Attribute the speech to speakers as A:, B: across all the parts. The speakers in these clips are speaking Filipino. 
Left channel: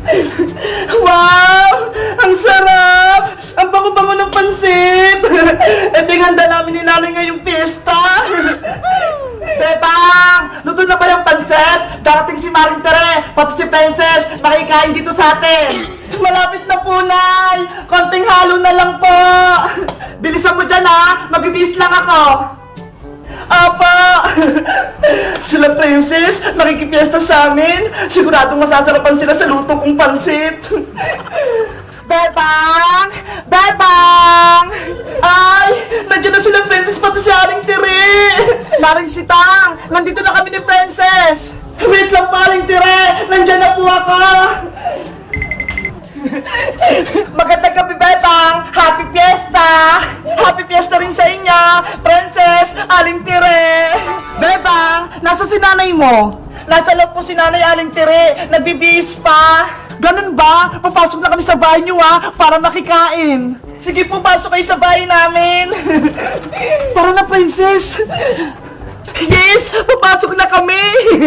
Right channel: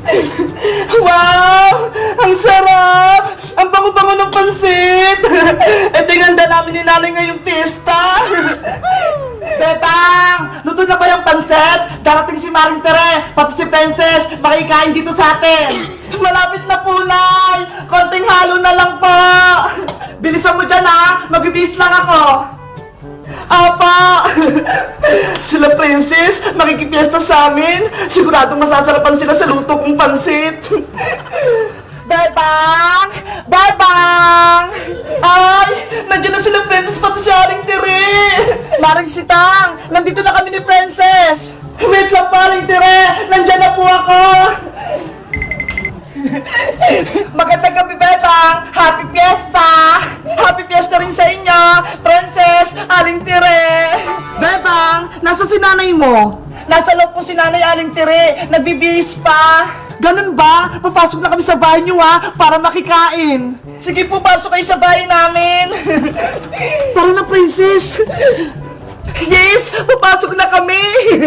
A: Wow! Ang sarap! Ang bango-bango ng pansit! Ito yung handa namin ni nanay ngayong pista! Bebang! Luto na ba yung pansit? Darating si Maring Tere, pati si Princess, makikain dito sa atin! Malapit na po, Nay! Konting halo na lang po! Bilisan mo dyan, ha! Magbibihis lang ako! Apa! Sila Princess, makikipiesta sa amin. Siguradong masasarapan sila sa luto kong pansit. Bebang! Bebang! Ay! Nandiyan na sila Princess pati si Aling Tiri! Maring Sitang! Nandito na kami ni Princess! Wait lang pa, Aling Tiri! Nandiyan na po ako! Magandang gabi, Bebang! Happy Fiesta! Happy Fiesta rin sa inyo! Princess, Aling Tire! Bebang, nasa si nanay mo? Nasa loob po si nanay Aling Tire. Nagbibihis pa. Ganun ba? Papasok na kami sa bahay niyo, ha? Para makikain. Sige po, pasok kayo sa bahay namin. Tara na, Princess. Yes! Papasok na kami!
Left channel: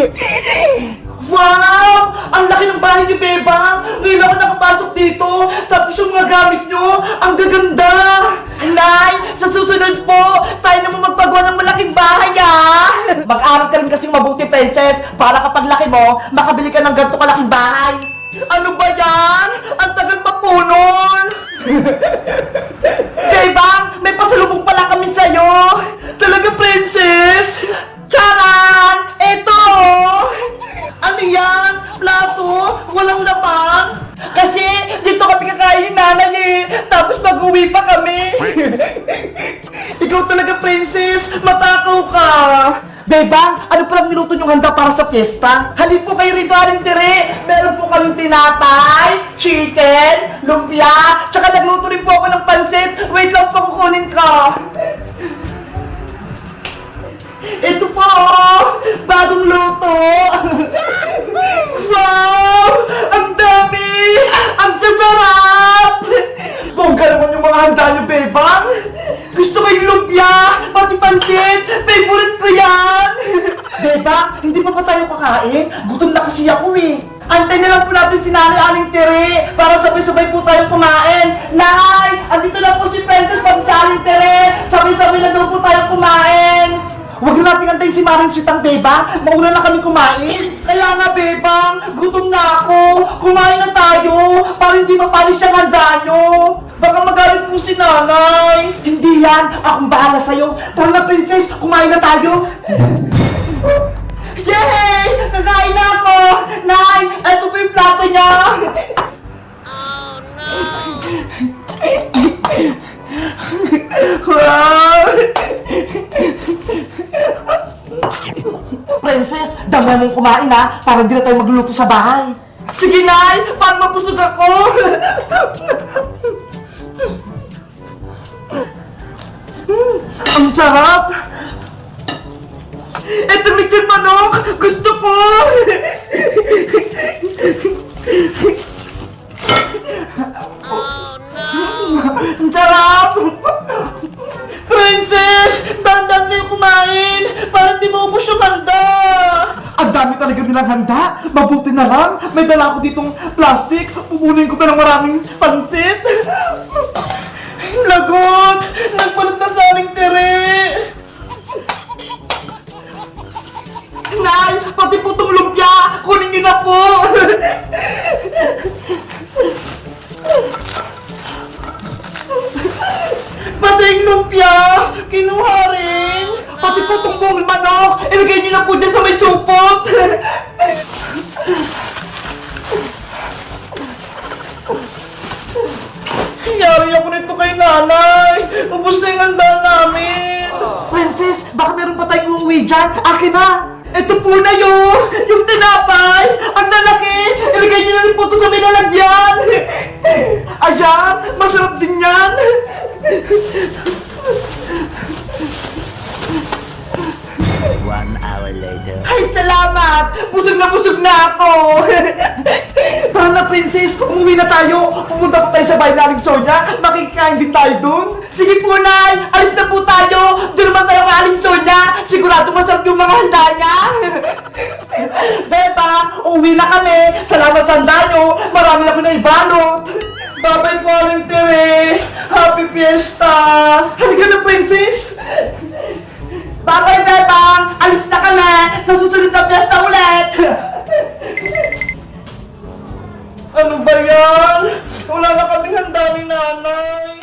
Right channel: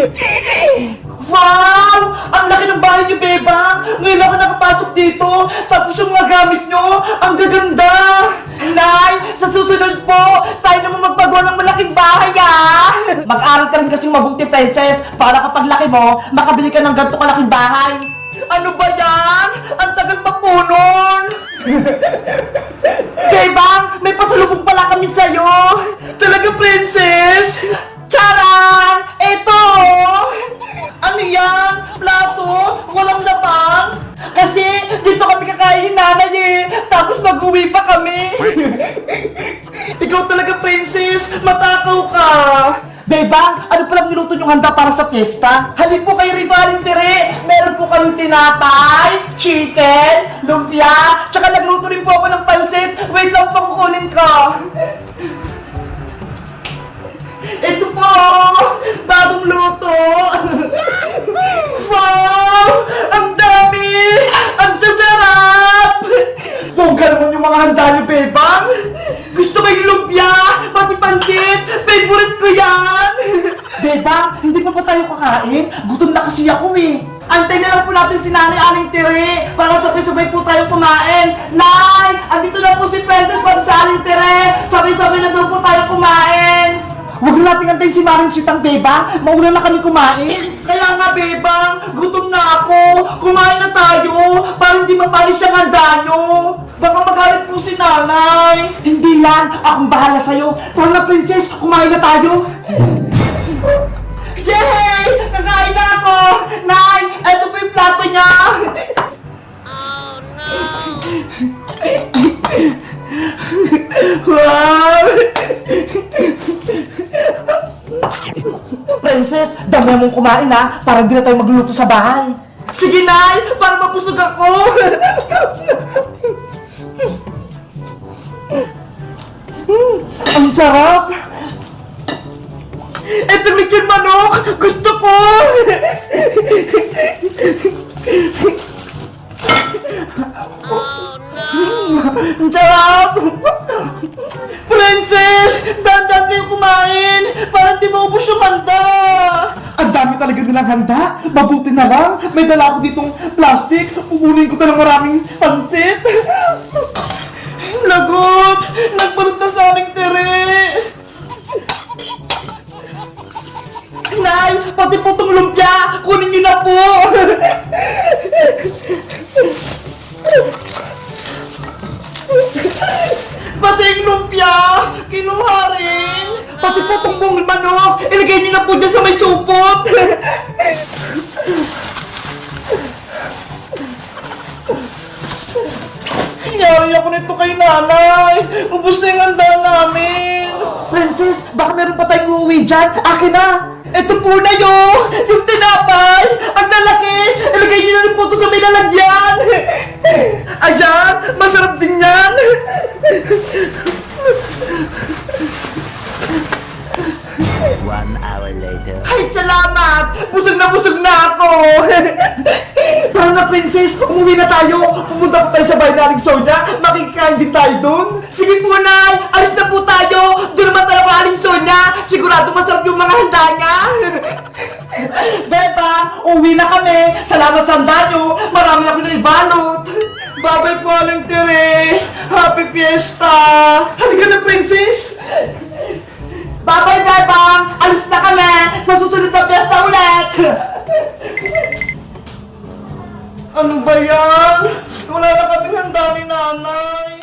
A: Wow! Ang laki ng bahay niyo, Bebang! Ngayon ako nakapasok dito, tapos yung mga gamit niyo, ang gaganda! Nay, sa susunod po, tayo naman magpagawa ng malaking bahay, ah! Mag-aral ka rin kasing mabuti, Princess, para kapag laki mo, makabili ka ng ganito kalaking bahay! Ano ba yan? Ang tagal pa po nun! Bebang, may pasalubong pala kami sa'yo! Talaga, Princess? Charan! Ito! Ano yan? Plato? Walang laman? Kasi dito kami kakain ni nanay eh! Tapos mag-uwi pa kami! Ikaw talaga, Princess! Matakaw ka! Bebang, ano palang niluto niyong handa para sa fiesta? Halip po kayo rito, Aling Tiri! Meron po kaming tinapay, chicken, lumpia, tsaka nagluto rin po ako ng pansit. Wait lang po, kukunin ko. Ito po! Bagong luto! Wow! Ang dami! Ang sasarap! Bongga naman yung mga handa niyo, Bebang! Gusto ko yung lumpia! Pati pansit! Favorite ko yan! Bebang, hindi pa tayo kakain? Gutom na kasi ako eh! Antay na lang po natin si Nanay Aling Tere para sabay-sabay po tayong kumain! Nay! Andito na po si Princess pati si Aling Tere! Sabay-sabay na daw po tayong kumain! Huwag na natin antayin si Maring Sitang, Bebang. Mauna na kami kumain. Kaya nga, Bebang, gutom na ako. Kumain na tayo para hindi mapalis yung handa nyo. Baka magalit po si nanay. Hindi yan. Akong bahala sa'yo. Tara na, Princess. Kumain na tayo. Yay! Kakain na ako. Nay, eto po yung plato niya. Oh, no! Wow! Princess, dami mong kumain ha, para hindi na tayo magluluto sa bahay. Sige, Nay, para mapusog ako. Ang sarap. Itong lechon manok, gusto ko. Oh, no! Ang sarap. Princess, dahan-dahan kayo kumain para hindi maubos yung handa. Ang dami talaga nilang handa. Mabuti na lang. May dala ako ditong plastic. Pupunin ko na ng maraming pansit. Lagot! Nagpalit na sa Aling Tere. Nay, pati po itong lumpia. Kunin niyo na po. Pati yung lumpia, kinuha rin. Pati po itong buong manok, ilagay niyo na po dyan sa may supot. Yari ako nito kay nanay. Ubus na yung handa namin. Princess, baka meron pa tayong uuwi dyan. Akin na. Ito po na yun. Yung tinapay. Ang lalaki. Ilagay niyo na rin po ito sa may lalagyan. Ayan, masarap din yan.
B: One hour later.
A: Ay, salamat! Busog na ako! Tara na, Princess! Umuwi na tayo! Pumunta pa tayo sa bahay na Aling Sonia! Makikain din tayo dun! Sige po, Nay! Alis na po tayo! Doon naman tayo kay Aling Sonia! Sigurado masarap yung mga handa niya! Beba, uwi na kami! Salamat sa handa nyo! Maraming kami ako na ibalot. Bye-bye po, Aling Tere. Happy Fiesta. Halika na, princess. Bye-bye, Bebang. Alis na kami. Sa susunod na fiesta ulit. Ano ba yan? Wala na kaming handa ni nanay.